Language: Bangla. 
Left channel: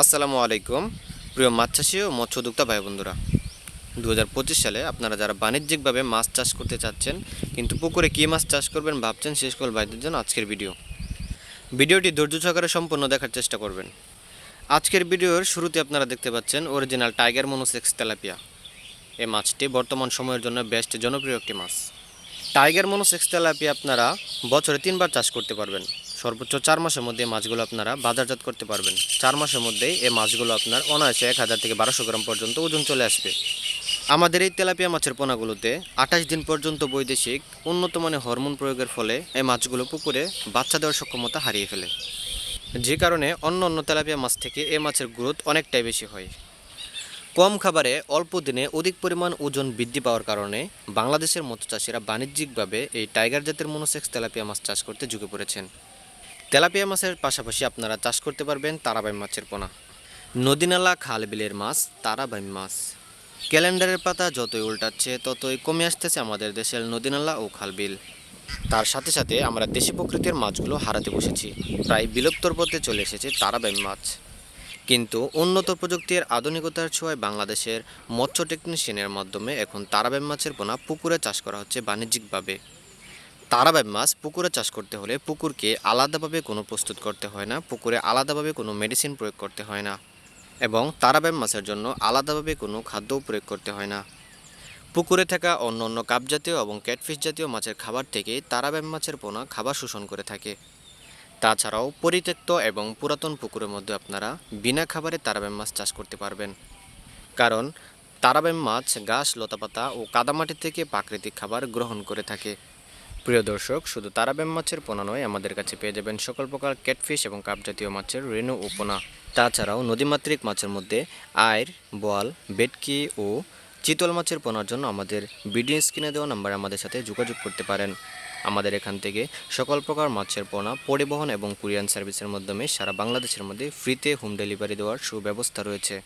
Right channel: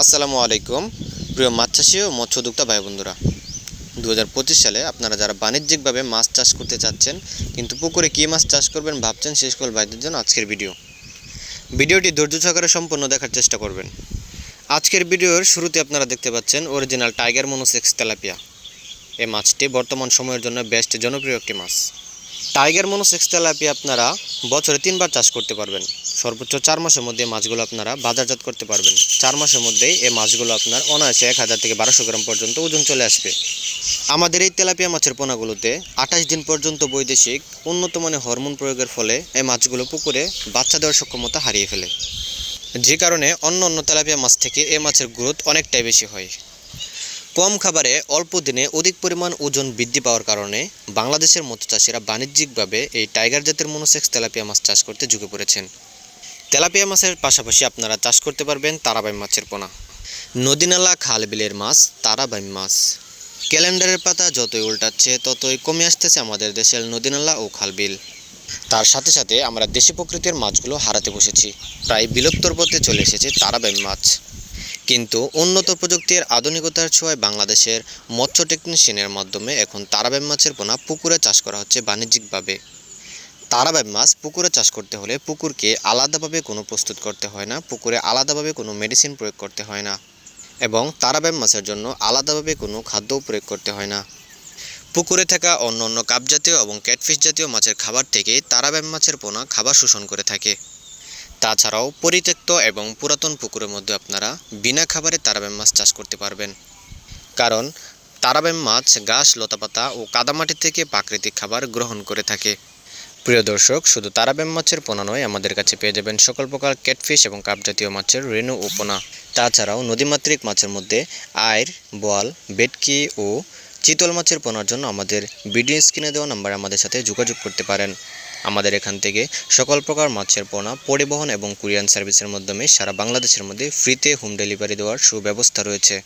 আসসালামু আলাইকুম। প্রিয় মাছ চাষি ও মৎস্যোদ্যোক্তা ভাই বন্ধুরা দু হাজার পঁচিশ সালে আপনারা যারা বাণিজ্যিকভাবে মাছ চাষ করতে চাচ্ছেন, কিন্তু পুকুরে কী মাছ চাষ করবেন ভাবছেন, শেষ কল ভাইদের জন্য আজকের ভিডিও। ভিডিওটি ধৈর্য সহকারে সম্পূর্ণ দেখার চেষ্টা করবেন। আজকের ভিডিওর শুরুতে আপনারা দেখতে পাচ্ছেন অরিজিনাল টাইগার মনোসেক্স তেলাপিয়া। এই মাছটি বর্তমান সময়ের জন্য বেস্ট জনপ্রিয় একটি মাছ। টাইগার মনোসেক্স তেলাপিয়া আপনারা বছরে তিনবার চাষ করতে পারবেন। সর্বোচ্চ চার মাসের মধ্যে মাছগুলো আপনারা বাজারজাত করতে পারবেন। চার মাসের মধ্যেই এই মাছগুলো আপনার অনায়াসে এক হাজার থেকে বারোশো গ্রাম পর্যন্ত ওজন চলে আসবে। আমাদের এই তেলাপিয়া মাছের পোনাগুলোতে আঠাশ দিন পর্যন্ত বৈদেশিক উন্নত মানের হরমোন প্রয়োগের ফলে এই মাছগুলো পুকুরে বাচ্চা দেওয়ার সক্ষমতা হারিয়ে ফেলে। যে কারণে অন্য অন্য তেলাপিয়া মাছ থেকে এই মাছের গ্রোথ অনেকটাই বেশি হয়। কম খাবারে অল্প দিনে অধিক পরিমাণ ওজন বৃদ্ধি পাওয়ার কারণে বাংলাদেশের মৎস্য চাষিরা বাণিজ্যিকভাবে এই টাইগার জাতের মনোসেক্স তেলাপিয়া মাছ চাষ করতে ঝুঁকে পড়েছেন। তেলাপিয়া মাছের পাশাপাশি আপনারা চাষ করতে পারবেন তারাবাই মাছের পোনা। নদীনালা খাল বিলের মাছ, তারাবাই মাছ। ক্যালেন্ডারের পাতা যতই উল্টাচ্ছে, ততই কমে আসতেছে আমাদের দেশের নদীনালা ও খালবিল। তার সাথে সাথে আমরা দেশি প্রকৃতির মাছগুলো হারাতে বসেছি। প্রায় বিলুপ্তর পথে চলে এসেছে তারাবাই মাছ। কিন্তু উন্নত প্রযুক্তির আধুনিকতার ছোঁয়ায় বাংলাদেশের মৎস্য টেকনিশিয়ানের মাধ্যমে এখন তারাবাই মাছের পোনা পুকুরে চাষ করা হচ্ছে বাণিজ্যিকভাবে। তারাবাই মাছ পুকুরে চাষ করতে হলে পুকুরকে আলাদাভাবে কোনো প্রস্তুত করতে হয় না, পুকুরে আলাদাভাবে কোনো মেডিসিন প্রয়োগ করতে হয় না এবং তারাবাই মাছের জন্য আলাদাভাবে কোনো খাদ্যও প্রয়োগ করতে হয় না। পুকুরে থাকা অন্য অন্য কাপ জাতীয় এবং ক্যাটফিশ জাতীয় মাছের খাবার থেকে তারাবাই মাছের পোনা খাবার শোষণ করে থাকে। তাছাড়াও পরিত্যক্ত এবং পুরাতন পুকুরের মধ্যে আপনারা বিনা খাবারে তারাবেম মাছ চাষ করতে পারবেন। কারণ তারাবেম মাছ গাছ লতাপাতা ও কাদামাটি থেকে প্রাকৃতিক খাবার গ্রহণ করে থাকে। প্রিয় দর্শক, শুধু তারাবেম মাছের পোনা নয়, আমাদের কাছে পেয়ে যাবেন সকল প্রকার ক্যাটফিশ এবং কাপ জাতীয় মাছের রেণু ও পোনা। তাছাড়াও নদীমাতৃক মাছের মধ্যে আয়ের বোয়াল বেটকি ও চিতল মাছের পোনার জন্য আমাদের ভিডিও স্ক্রিনে দেওয়া নাম্বারে আমাদের সাথে যোগাযোগ করতে পারেন। আমাদের এখান থেকে সকল প্রকার মাছের পোনা, পরিবহন এবং কুরিয়ান সার্ভিসের মাধ্যমে সারা বাংলাদেশের মধ্যে ফ্রিতে হোম ডেলিভারি দেওয়ার সুব্যবস্থা রয়েছে।